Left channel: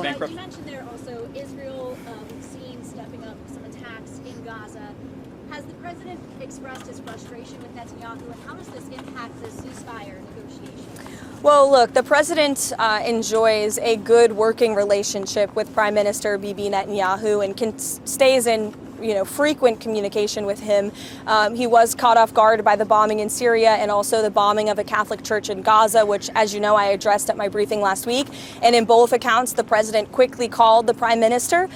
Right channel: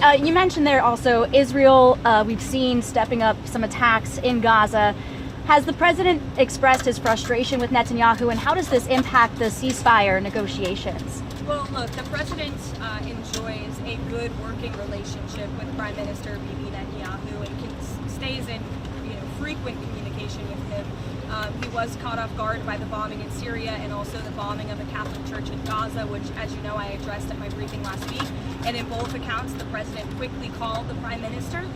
You mentioned there also Israel, we've seen stepping up some attacks in Gaza. Has the president expressed his frustration with Netanyahu, and how does this impact the ceasefire negotiations? Well, look, the president enjoys a good working relationship with Prime Minister Bibi Netanyahu and stays in frequent communication with him. He was caught off guard by the bombing in Syria and also the bombing of a Catholic church in Gaza, which, as you know, I addressed at my briefing last week. And in both accounts, the president quickly called the prime minister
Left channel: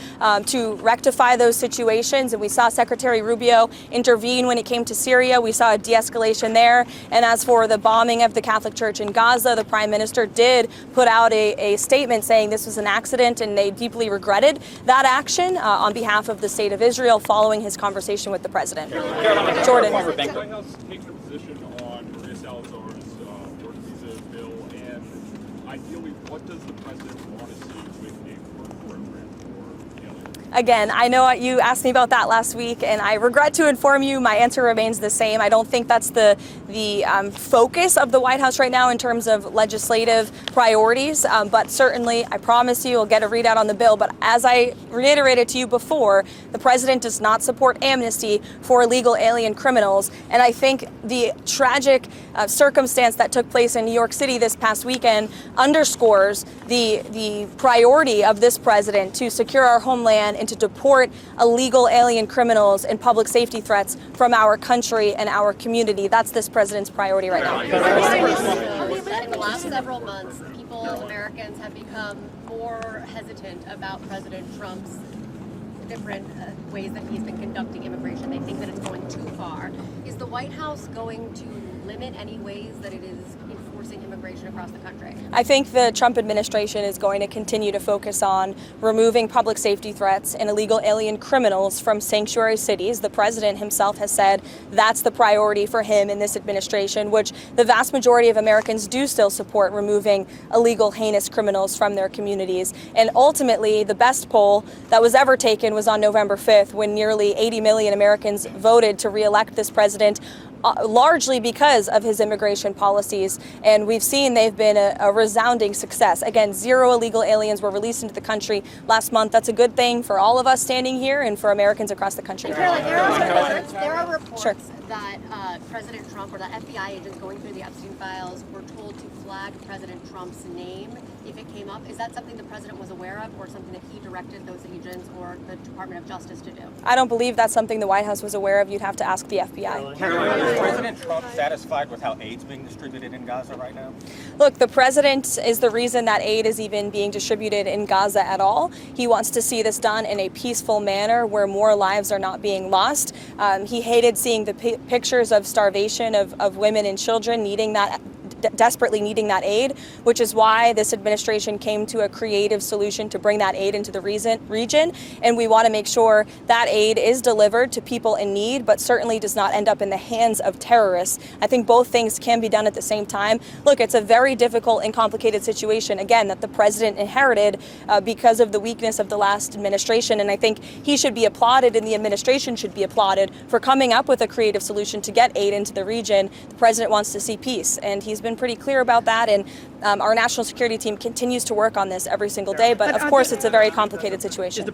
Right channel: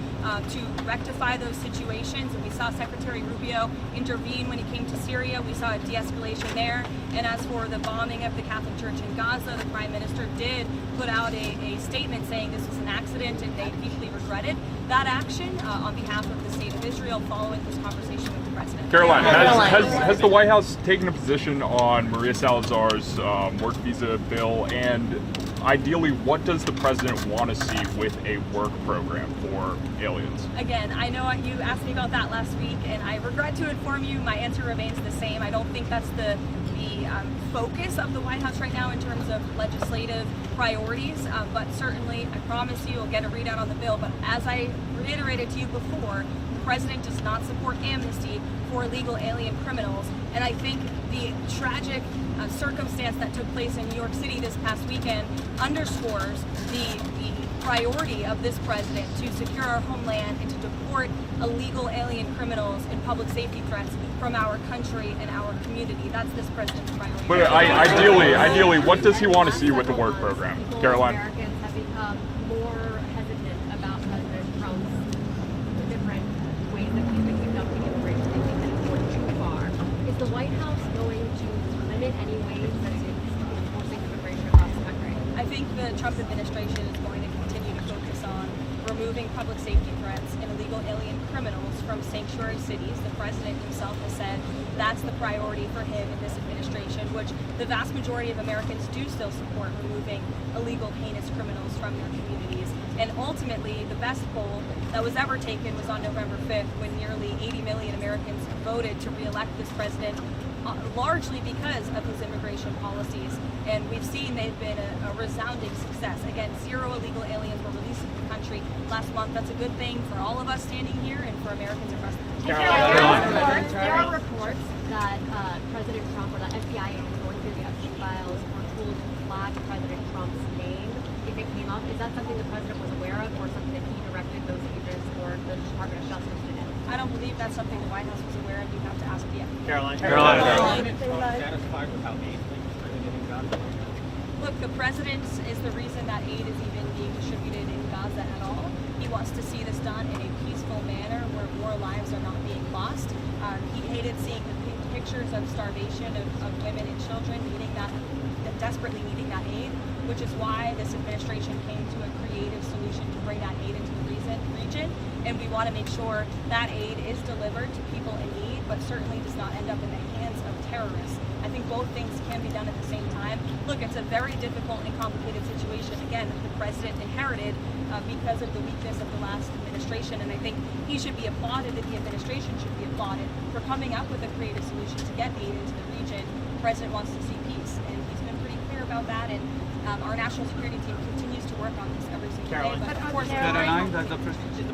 to rectify those situations. And we saw Secretary Rubio intervene when it came to Syria. We saw a de-escalation there. And as for the bombing of the Catholic church in Gaza, the prime minister did put out a statement saying this was an accident and they deeply regretted that action on behalf of the state of Israel, following his conversation with the president. Karoline, has the White House taken a position on Maria Salazars' work visa bill? And ideally, what does the president want to see with a work program for aliens? Again, I know you asked me about that last week, and I regret to inform you my answer remains the same. I don't think that's the focus of the White House right now in terms of legislative priorities, but certainly I promise you we'll get a readout on the bill. But as I reiterated to you before, the president does not support amnesty for illegal alien criminals, and I think the tragic circumstance that took place in New York City this past weekend underscores the priority of this president to secure our homeland and to deport illegal alien criminals and public safety threats from our country and our community. That's this president's priority right now. Ideally, what does he want to see with the work program? Karoline? Americans have become more hesitant about President Trump's different ways that he's been conducting immigration. They think that it's going too far. Is the White House going to limit any ways that it is enforcing immigration across the country? I think the Trump administration is going to continue to focus on removing public safety threats and illegal alien criminals from sanctuary cities. The president himself has said that's the priority for him in this administration, which the vast majority of Americans do still support, removing illegal, heinous criminals from their communities. And ultimately, the best poll that was ever taken was on November 5th, when nearly 80 million Americans voted to re-elect this president, largely because of his immigration policies. And we've seen they've been a resounding success. Again, 0 illegal aliens were released into the country last month. That's a good thing for all of us standing here and for Americans across the country. There are reports Sure. that President Trump or the FBI agents going through the Epstein files were told to flag President Trump's name if it came up. Is that something the president was aware of, or something that he directed those agents or the Department of Justice to do? I don't believe that's something the White House was aware of. You'd have to ask the FBI. Karoline. Is President Trump satisfied with how aid is being distributed in Gaza right now? Look, the president is the reason that aid is even being distributed in Gaza at all. He wants to see this done in a peaceful manner where more lives are not being lost. He hated seeing the pictures of starvation of women and children desperately needing that aid, which is why this administration came to a creative solution to bring that aid into the region. And we want to make sure that aid is delivered to people in need, but certainly does not end up in the hands of terrorists. I think both things can be done at the same time. Look, it's a very difficult and complicated situation, again, that the president inherited because of the weakness of the last administration. And I think he should be applauded and the administration should be applauded for coming up with a creative solution to get aid into the region. The president wants to see peace, and he's been pretty clear about that, and our national security team continues to work on this every single day, but of course it's a very complicated situation.